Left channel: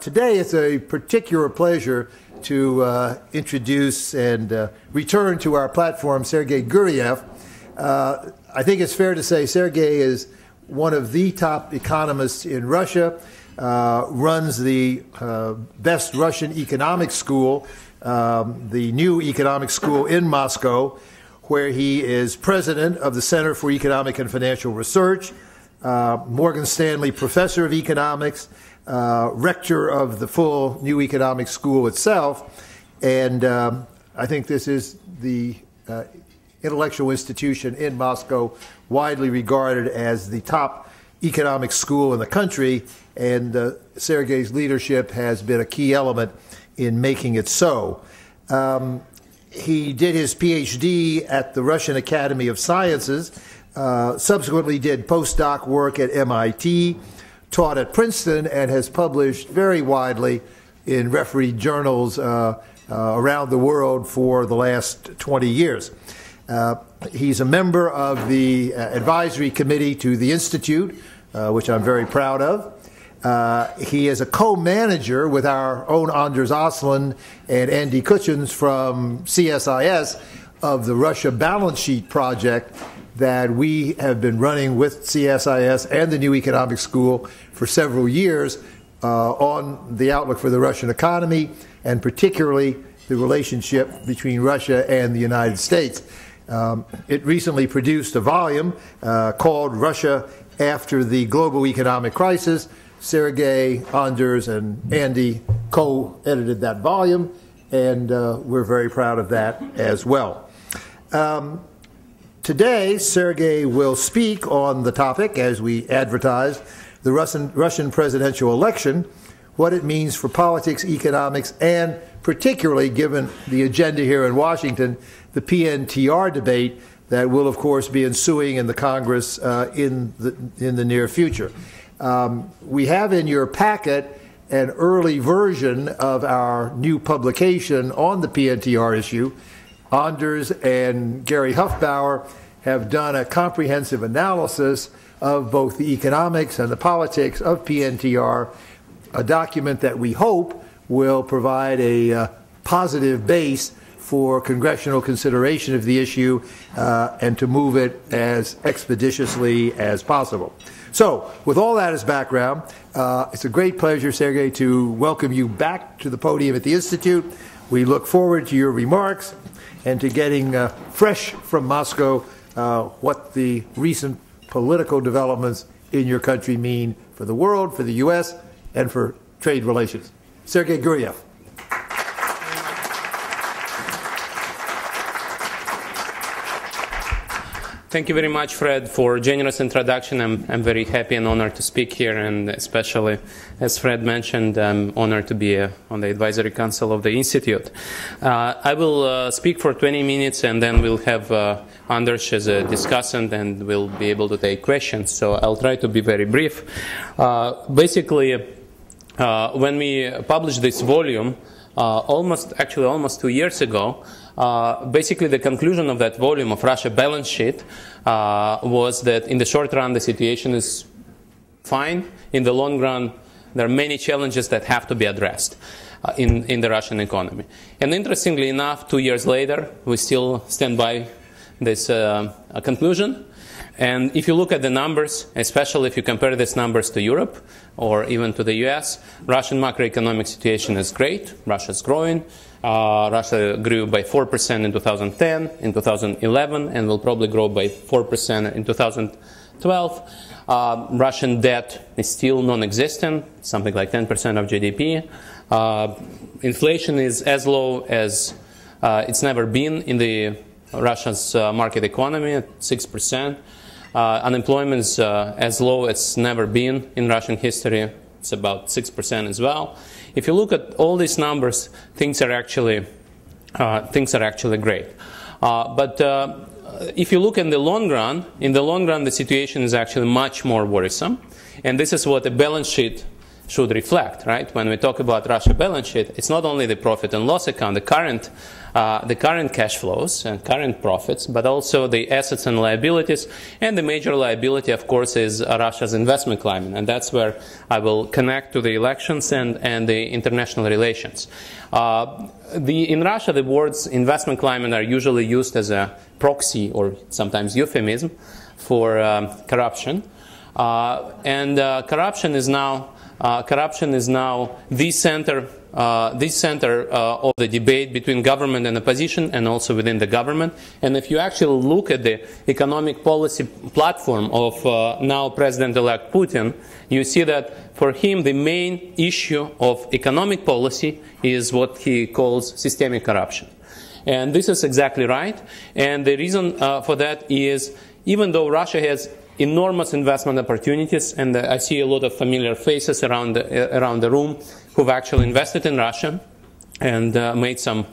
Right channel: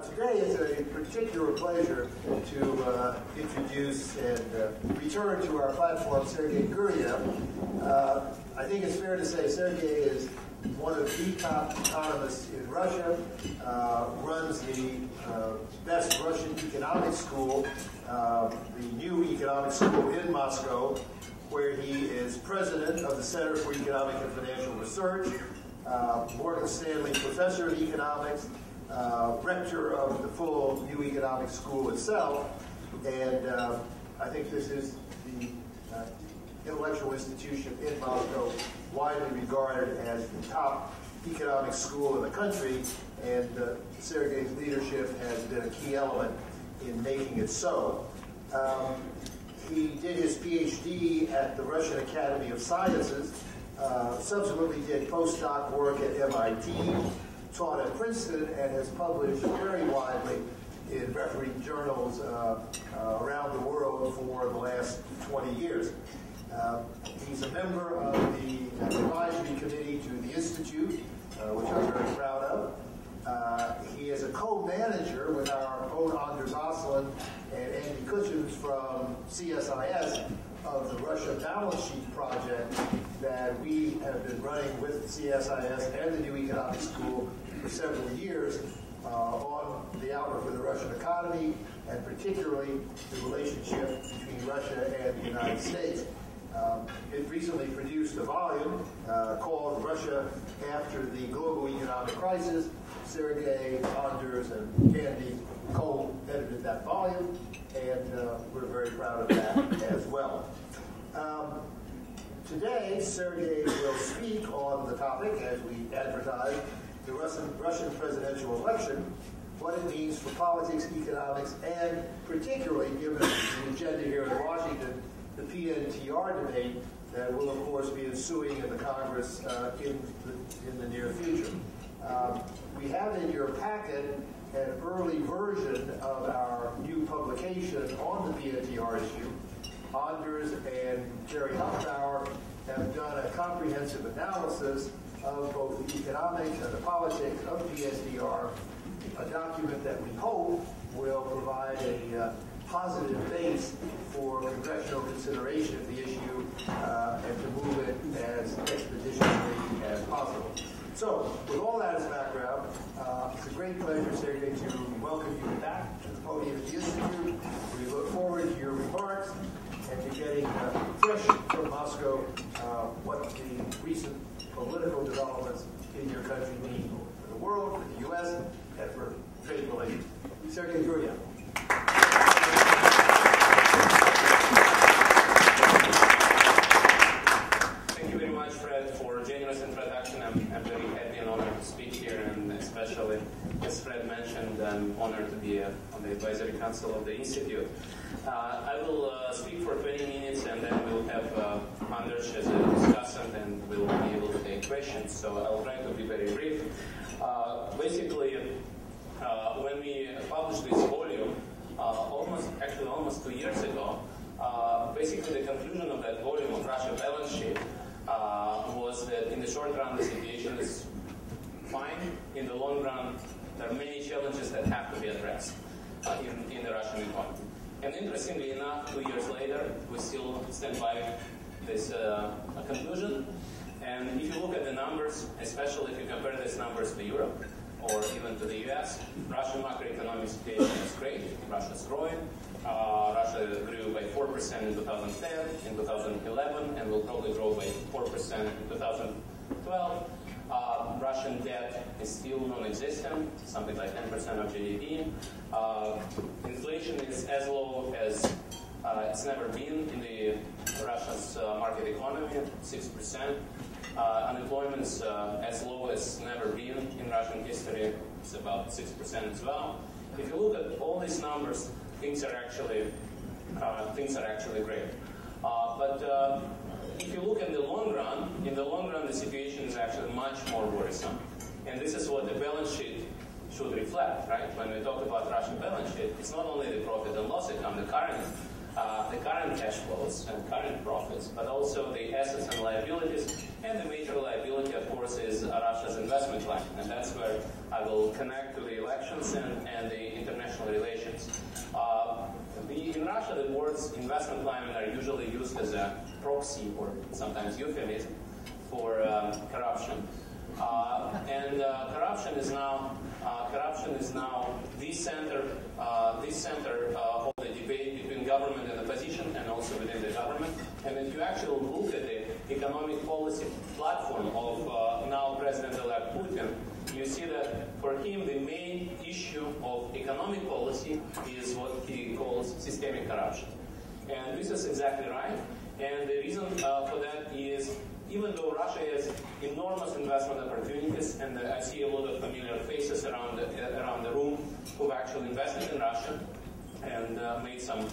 Today it's a particular pleasure to introduce and return to our platform Sergei Guriev. I think it's fair to say Sergei is one of the top economists in Russia, runs the best Russian economic school, the new economic school in Moscow, where he is president of the Center for Economic and Financial Research, Morgan Stanley Professor of Economics, rector of the full new economic school itself, and I think this is the intellectual institution in Moscow widely regarded as the top economic school in the country, and Sergei's leadership has been a key element in making it so. He did his PhD at the Russian Academy of Sciences, subsequently did postdoc work at MIT, taught at Princeton, and has published very widely in refereed journals around the world for the last 20 years. He's a member of the advisory committee to the Institute, which I'm very proud of. He is a co-manager with our own Anders Osland and Andy Kutchins from CSIS of the Russia Balance Sheet Project that we have been running with CSIS and the New Economic School for several years on the outlook for the Russian economy, and particularly the relationship between Russia and the United States. It recently produced a volume called Russia After the Global Economic Crisis. Sergei, Anders, and Andy co-edited that volume, and we're very proud of that as well. Today, Sergei will speak on the topic, as we advertised, the Russian presidential election, what it means for politics, economics, and particularly, given the agenda here in Washington, the PNTR debate that will, of course, be ensuing in the Congress in the near future. We have in your packet an early version of our new publication on the PNTR issue. Anders and Gary Huffbauer have done a comprehensive analysis of both the economics and the politics of PNTR, a document that we hope will provide a positive base for congressional consideration of the issue and to move it as expeditiously as possible. So, with all that as background, it's a great pleasure, Sergei, to welcome you back to the podium at the Institute. We look forward to your remarks and to getting fresh from Moscow what the recent political developments in your country mean for the world, for the U.S., and for trade relations. Sergei Guriev. Thank you very much, Fred, for a generous introduction. I'm very happy and honored to speak here, and especially, as Fred mentioned, I'm honored to be on the Advisory Council of the Institute. I will speak for 20 minutes, and then we'll have Anders as a discussant, and we'll be able to take questions. So I'll try to be very brief. Basically, when we published this volume, almost 2 years ago, basically the conclusion of that volume of Russia balance sheet was that in the short run the situation is fine. In the long run there are many challenges that have to be addressed in the Russian economy. And interestingly enough, 2 years later we still stand by this conclusion. And if you look at the numbers, especially if you compare these numbers to Europe or even to the US, Russian macroeconomic situation is great. Russia's growing. Russia grew by 4% in 2010, in 2011, and will probably grow by 4% in 2012. Russian debt is still non-existent, something like 10% of GDP. Inflation is as low as it's never been in the Russia's market economy, at 6%. Unemployment is as low as it's never been in Russian history. It's about 6% as well. If you look at all these numbers, things are actually great. But if you look in the long run, the situation is actually much more worrisome. And this is what a balance sheet should reflect, right? When we talk about Russia balance sheet, it's not only the profit and loss account, the current cash flows and current profits, but also the assets and liabilities. And the major liability, of course, is Russia's investment climate. And that's where I will connect to the elections and the international relations. In Russia, the words investment climate are usually used as a proxy or sometimes euphemism for corruption. Corruption is now the center of the debate between government and opposition, and also within the government. And if you actually look at the economic policy platform of now President-elect Putin, you see that for him the main issue of economic policy is what he calls systemic corruption. And this is exactly right. And the reason for that is, even though Russia has enormous investment opportunities, and I see a lot of familiar faces around the room who've actually invested in Russia and made some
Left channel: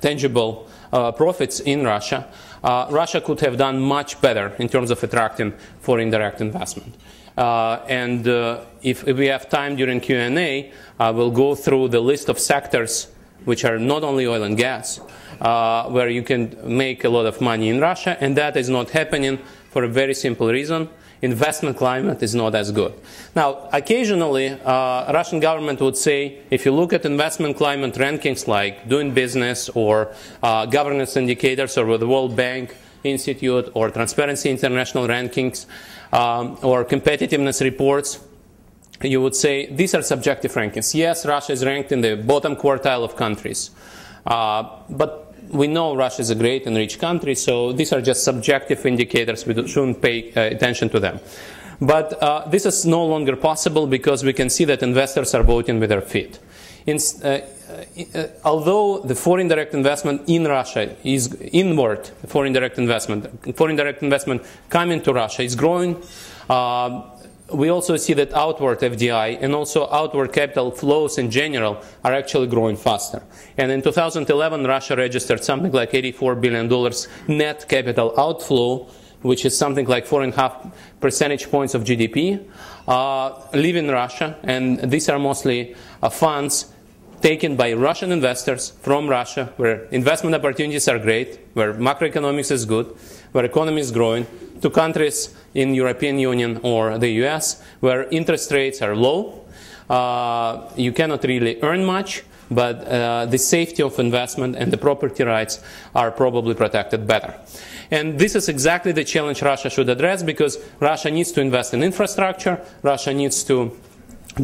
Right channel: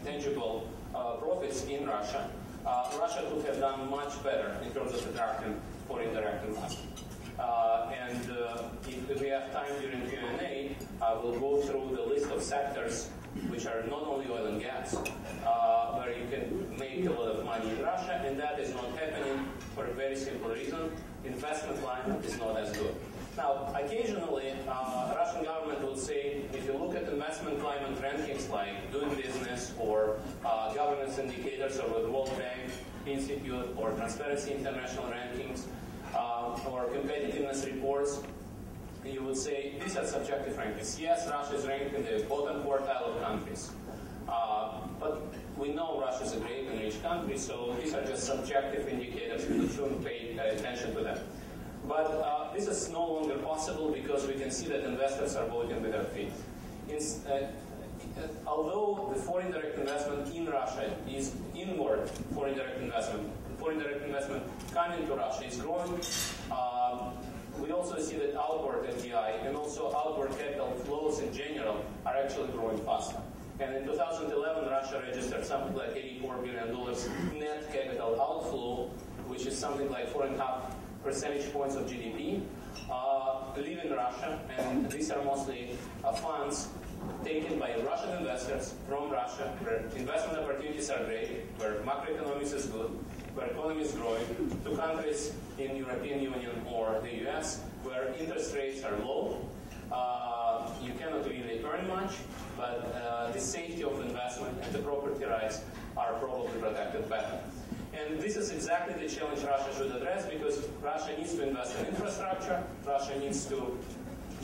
tangible profits in Russia, Russia could have done much better in terms of attracting foreign direct investment. If we have time during Q&A, I will go through the list of sectors which are not only oil and gas, where you can make a lot of money in Russia, and that is not happening for a very simple reason. Investment climate is not as good. Now, occasionally, Russian government would say, if you look at investment climate rankings like Doing Business or governance indicators or the World Bank Institute or Transparency International rankings or competitiveness reports, you would say these are subjective rankings. Yes, Russia is ranked in the bottom quartile of countries, but we know Russia is a great and rich country, so these are just subjective indicators. We shouldn't pay attention to them. But this is no longer possible because we can see that investors are voting with their feet. Although the foreign direct investment in Russia is inward, foreign direct investment coming to Russia is growing, we also see that outward FDI and also outward capital flows in general are actually growing faster. And in 2011, Russia registered something like $84 billion net capital outflow, which is something like 4.5 percentage points of GDP, leaving Russia. And these are mostly funds taken by Russian investors from Russia, where investment opportunities are great, where macroeconomics is good, where economy is growing, to countries in European Union or the US, where interest rates are low. You cannot really earn much, but the safety of investment and the property rights are probably protected better. And this is exactly the challenge Russia should address, because Russia needs to invest in infrastructure, Russia needs to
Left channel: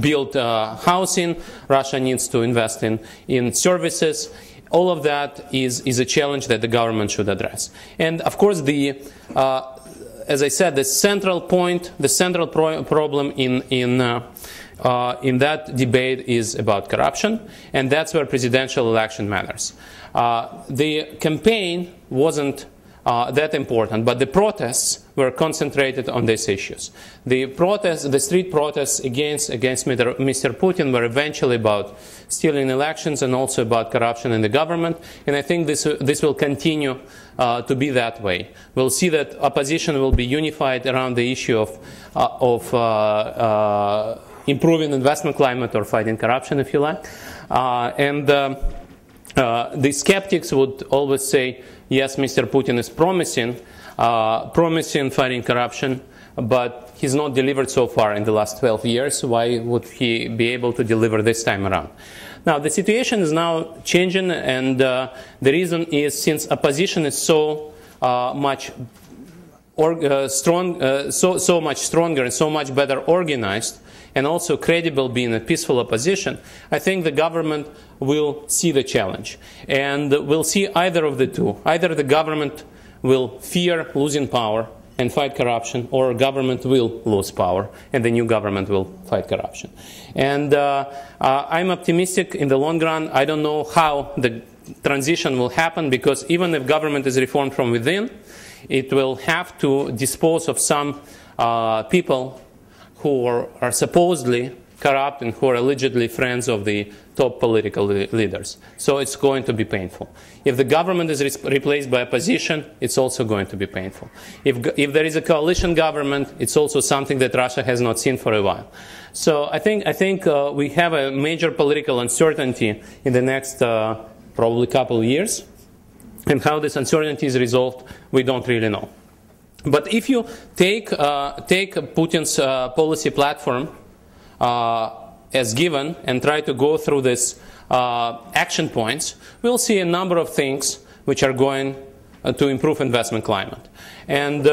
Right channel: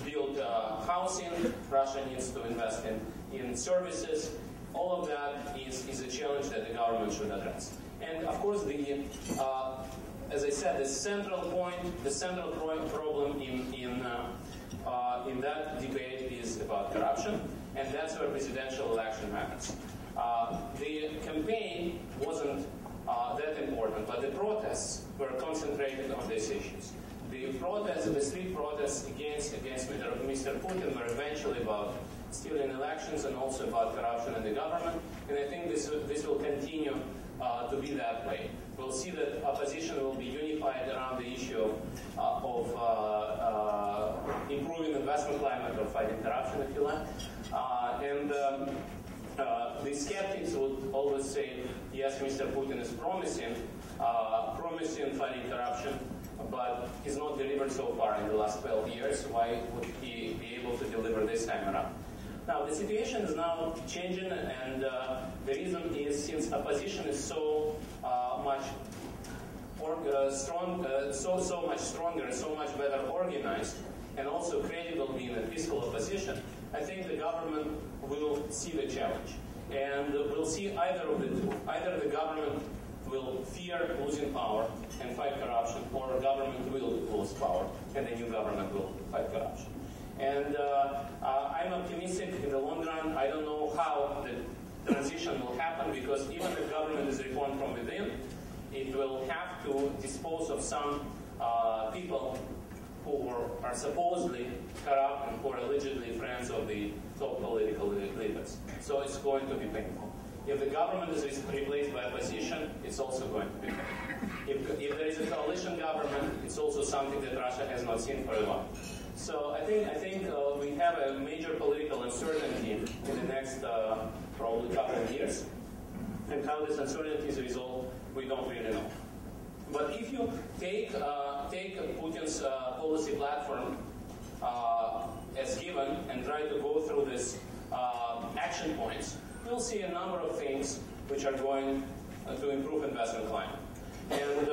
build housing, Russia needs to invest in services. All of that is a challenge that the government should address. And of course, as I said, the central point, the central problem in that debate is about corruption, and that's where presidential election matters. The campaign wasn't that important, but the protests were concentrated on these issues. The street protests against Mr. Putin were eventually about stealing elections and also about corruption in the government, and I think this will continue to be that way. We'll see that opposition will be unified around the issue of improving investment climate or fighting corruption, if you like. The skeptics would always say, yes, Mr. Putin is promising fighting corruption, but he's not delivered so far in the last 12 years. Why would he be able to deliver this time around? Now, the situation is now changing, and the reason is since opposition is so much stronger and so much better organized, and also credible being a peaceful opposition, I think the government will see the challenge. And we'll see either of the two. Either the government will fear losing power and fight corruption, or government will lose power and the new government will fight corruption. And I'm optimistic in the long run. I don't know how the transition will happen, because even if government is reformed from within, it will have to dispose of some people who are supposedly corrupt and who are allegedly friends of the top political leaders. So it's going to be painful. If the government is replaced by opposition, it's also going to be painful. If there is a coalition government, it's also something that Russia has not seen for a while. So I think we have a major political uncertainty in the next probably couple of years. And how this uncertainty is resolved, we don't really know. But if you take Putin's policy platform as given and try to go through this action points, we'll see a number of things which are going to improve investment climate. And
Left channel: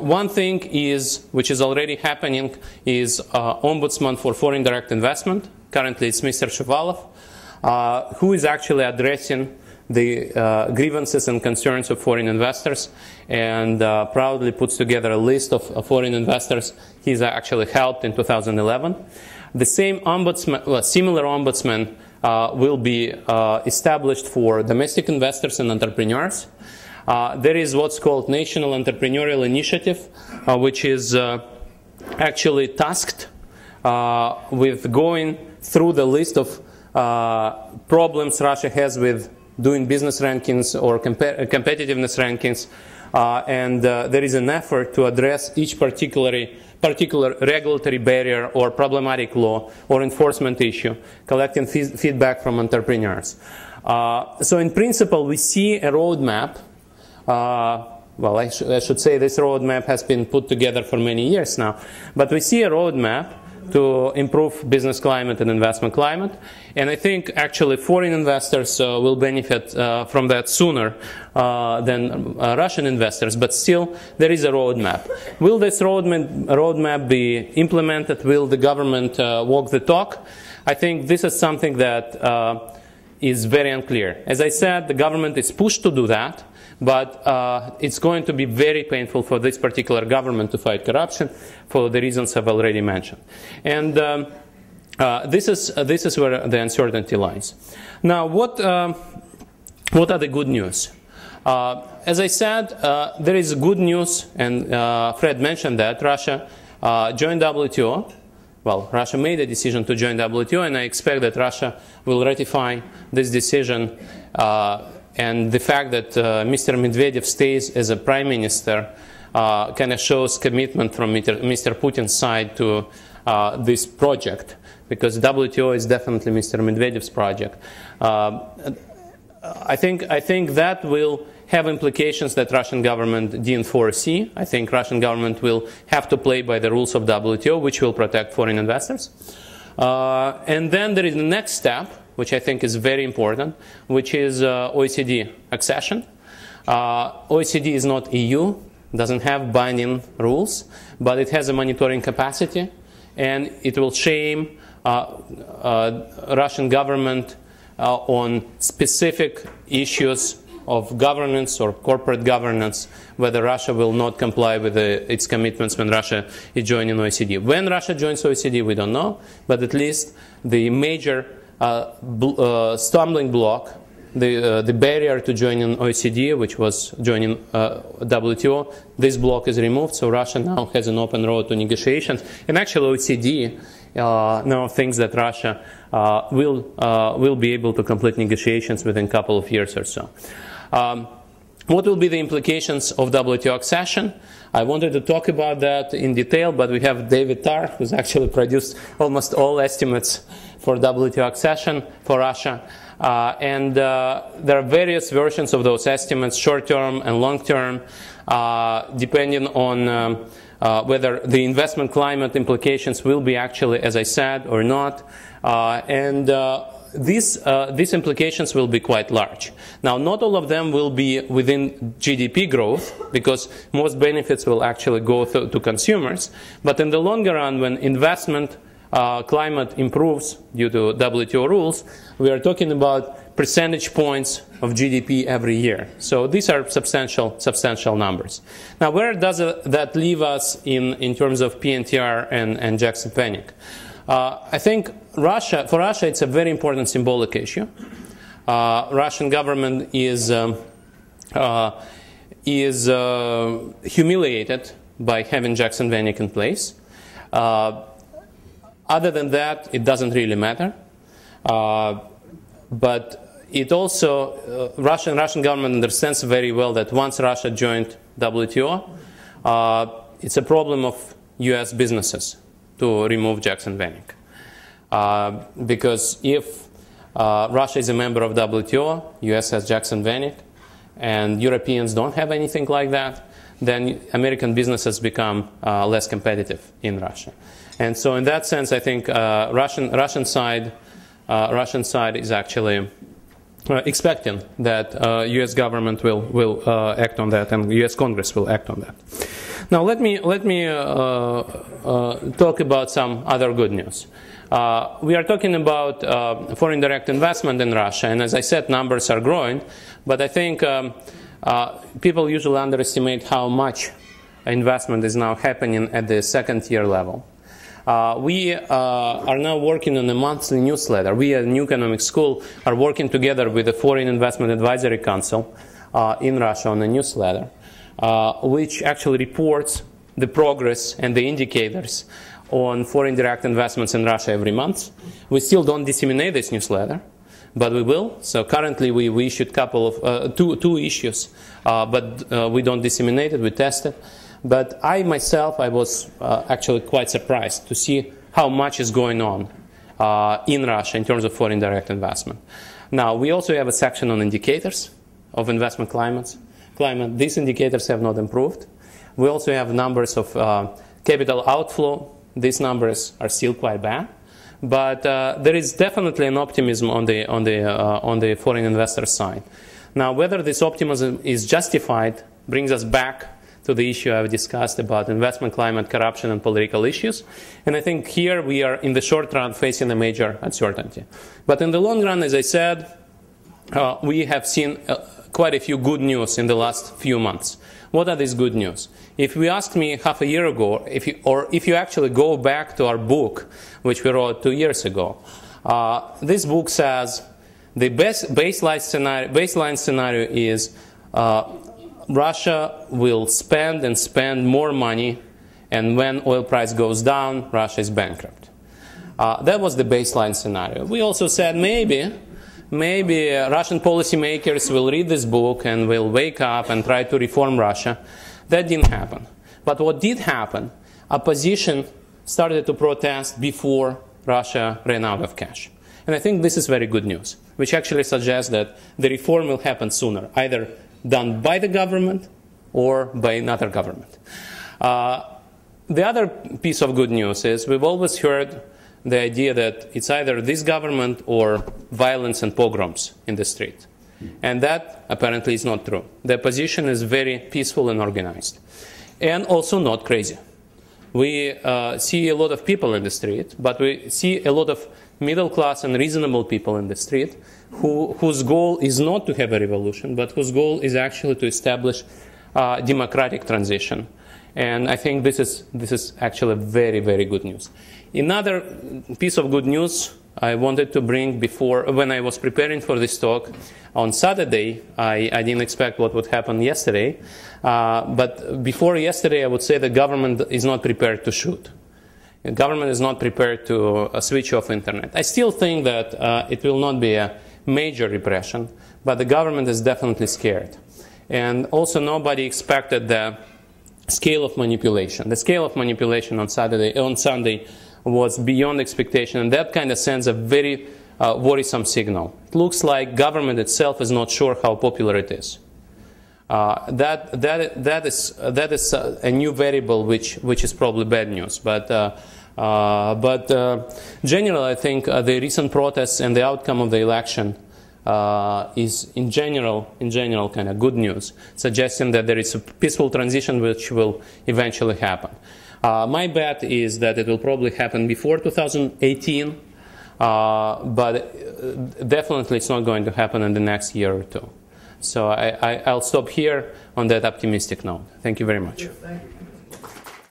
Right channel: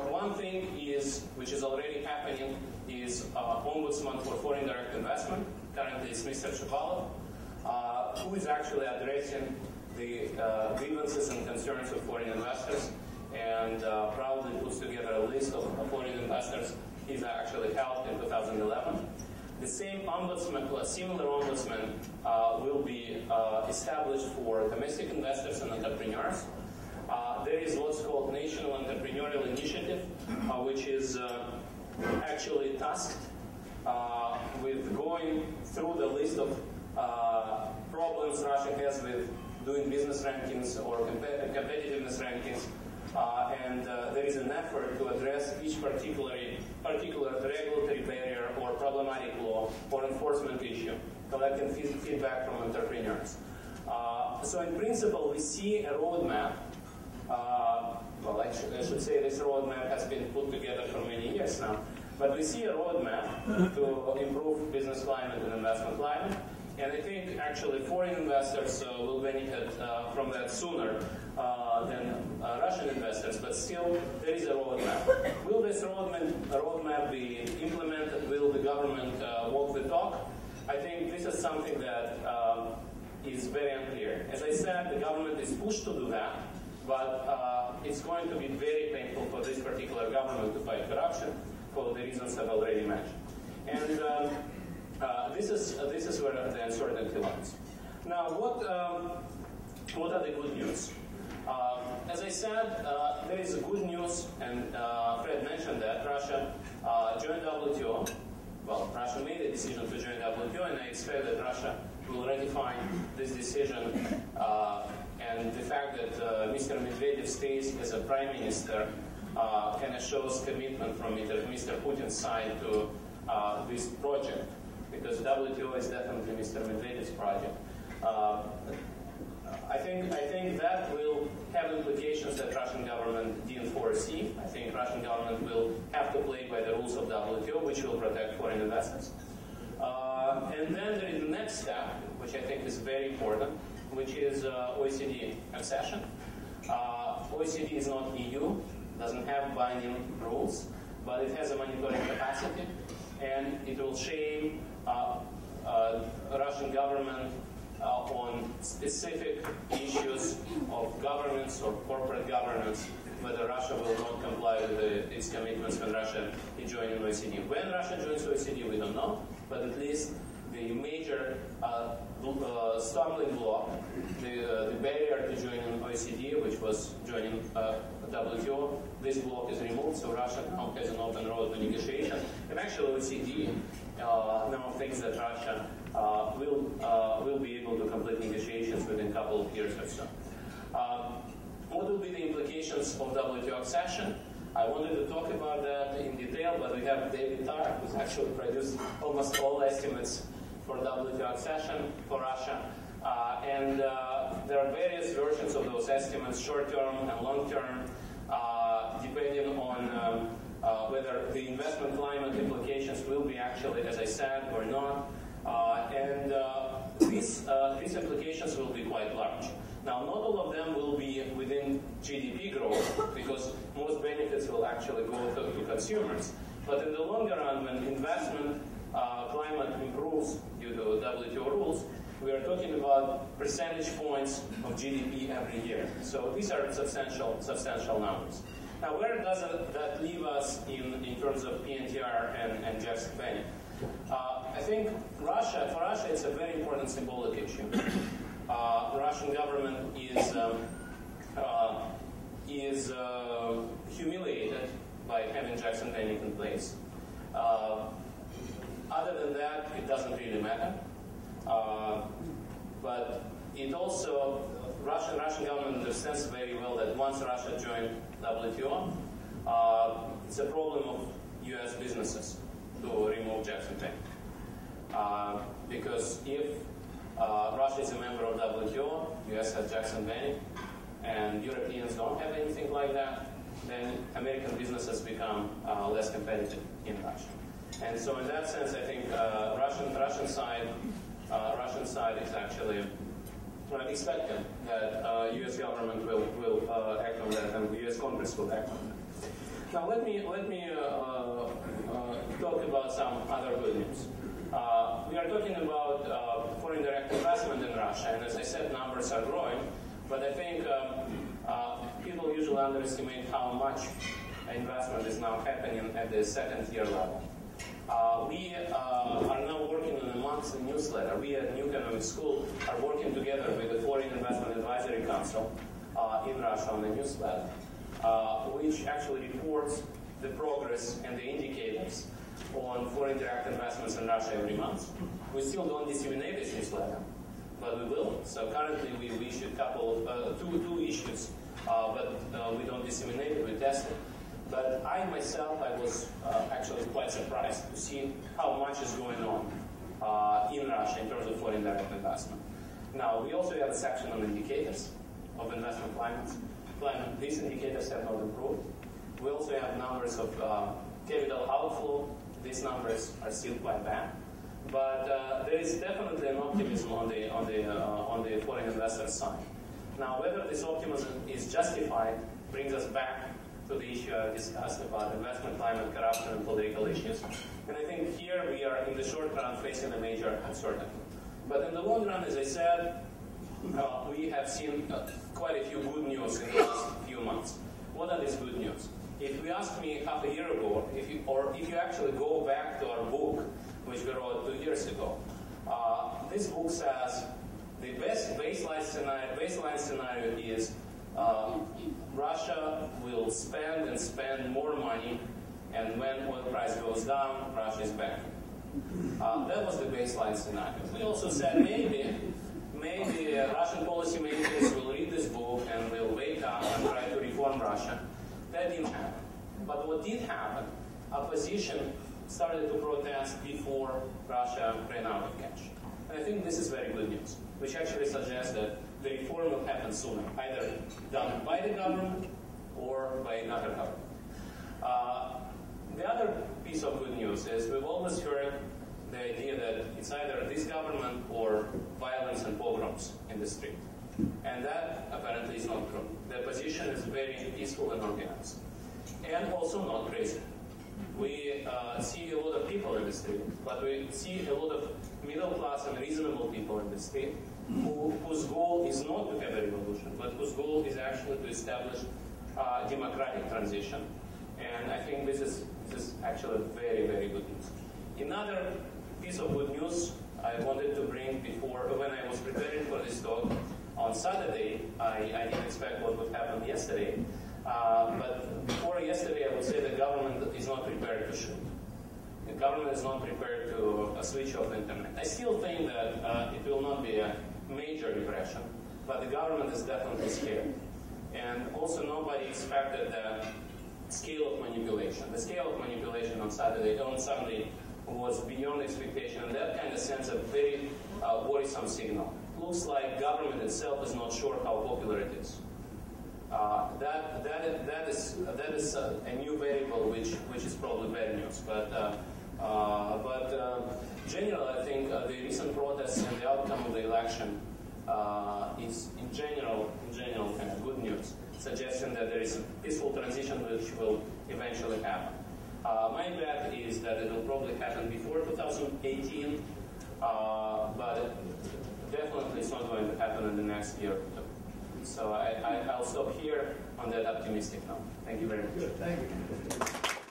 one thing is, which is already happening, is Ombudsman for Foreign Direct Investment. Currently it's Mr. Shuvalov, who is actually addressing the grievances and concerns of foreign investors, and proudly puts together a list of foreign investors he's actually helped in 2011. The same ombudsman, well, similar ombudsman will be established for domestic investors and entrepreneurs. There is what's called National Entrepreneurial Initiative, which is actually tasked with going through the list of problems Russia has with doing business rankings or competitiveness rankings, and there is an effort to address each particular regulatory barrier or problematic law or enforcement issue, collecting feedback from entrepreneurs. So in principle, we see a roadmap. Well, I should say this roadmap has been put together for many years now, but we see a roadmap to improve business climate and investment climate, and I think actually foreign investors will benefit from that sooner than Russian investors, but still there is a roadmap. Will this roadmap be implemented? Will the government walk the talk? I think this is something that is very unclear. As I said, the government is pushed to do that, but it's going to be very painful for this particular government to fight corruption for the reasons I've already mentioned. And this is where the uncertainty lies. Now, what are the good news? As I said, there is good news, and Fred mentioned that Russia joined WTO. Well, Russia made a decision to join WTO, and I expect that Russia will ratify this decision. And the fact that Mr. Medvedev stays as a prime minister kind of shows commitment from Mr. Putin's side to this project, because WTO is definitely Mr. Medvedev's project. I think that will have implications that Russian government didn't foresee. I think Russian government will have to play by the rules of WTO, which will protect foreign investors. And then there is the next step, which I think is very important, which is OECD accession. OECD is not EU, doesn't have binding rules, but it has a monitoring capacity, and it will shame Russian government on specific issues of governance or corporate governance, whether Russia will not comply with its commitments when Russia is joining OECD. When Russia joins OECD, we don't know, but at least the major stumbling block, the barrier to joining OECD, which was joining WTO, this block is removed, so Russia now has an open road to negotiations. And actually OECD now thinks that Russia will be able to complete negotiations within a couple of years or so. What will be the implications of WTO accession? I wanted to talk about that in detail, but we have David Tarr, who's actually produced almost all estimates for WTO accession for Russia. And there are various versions of those estimates, short-term and long-term, depending on whether the investment climate implications will be actually, as I said, or not. These implications will be quite large. Now, not all of them will be within GDP growth, because most benefits will actually go to consumers. But in the longer run, when investment climate improves due to WTO rules, we are talking about percentage points of GDP every year. So these are substantial numbers. Now, where does that leave us in terms of PNTR and Jackson-Vanik? I think for Russia, it's a very important symbolic issue. Russian government is humiliated by having Jackson-Vanik in place. Other than that, it doesn't really matter. But it also, Russian government understands very well that once Russia joined WTO, it's a problem of US businesses. to remove Jackson Vanik. Because if Russia is a member of WTO, US has Jackson Vanik, and Europeans don't have anything like that, then American businesses become less competitive in Russia. And so in that sense, I think Russian side is actually expecting that US government will act on that, and US Congress will act on that. Now let me talk about some other good news. We are talking about foreign direct investment in Russia, and as I said, numbers are growing, but I think people usually underestimate how much investment is now happening at the second-tier level. We are now working on a monthly newsletter. We at New Economic School are working together with the Foreign Investment Advisory Council in Russia on a newsletter, which actually reports the progress and the indicators on foreign direct investments in Russia every month. We still don't disseminate this newsletter, but we will. So currently we issued two issues, but we don't disseminate it, we test it. But I myself, I was actually quite surprised to see how much is going on in Russia in terms of foreign direct investment. Now, we also have a section on indicators of investment climate. These indicators have not improved. We also have numbers of capital outflow. These numbers are still quite bad. But there is definitely an optimism on the foreign investor side. Now, whether this optimism is justified brings us back to the issue I've discussed about investment climate, corruption, and political issues. And I think here we are, in the short run, facing a major uncertainty. But in the long run, as I said, we have seen quite a few good news in the last few months. What are these good news? If you asked me half a year ago, if you actually go back to our book, which we wrote 2 years ago, this book says the best baseline scenario is Russia will spend and spend more money, and when oil price goes down, Russia is bankrupt. That was the baseline scenario. We also said maybe Russian policymakers will read this book and will wake up and try to reform Russia. That didn't happen. But what did happen, opposition started to protest before Russia ran out of cash. And I think this is very good news, which actually suggests that the reform will happen sooner, either done by the government or by another government. The other piece of good news is we've always heard the idea that it's either this government or violence and pogroms in the street. And that apparently is not true. The opposition is very peaceful and organized, and also not crazy. We see a lot of people in the street, but we see a lot of middle class and reasonable people in the street whose goal is not to have a revolution, but whose goal is actually to establish democratic transition. And I think this is actually very, very good news. Another piece of good news I wanted to bring before, when I was preparing for this talk on Saturday, I didn't expect what would happen yesterday. But before yesterday, I would say the government is not prepared to shoot. The government is not prepared to switch off internet. I still think that it will not be a major repression, but the government is definitely scared. And also nobody expected the scale of manipulation. The scale of manipulation on Sunday was beyond expectation, and that kind of sends a very worrisome signal. It looks like government itself is not sure how popular it is. That is a new variable which is probably bad news. But generally, I think the recent protests and the outcome of the election is in general kind of good news, suggesting that there is a peaceful transition which will eventually happen. My bet is that it will probably happen before 2018, but definitely it's not going to happen in the next year or two. So I'll stop here on that optimistic note. Thank you very much. Thank you.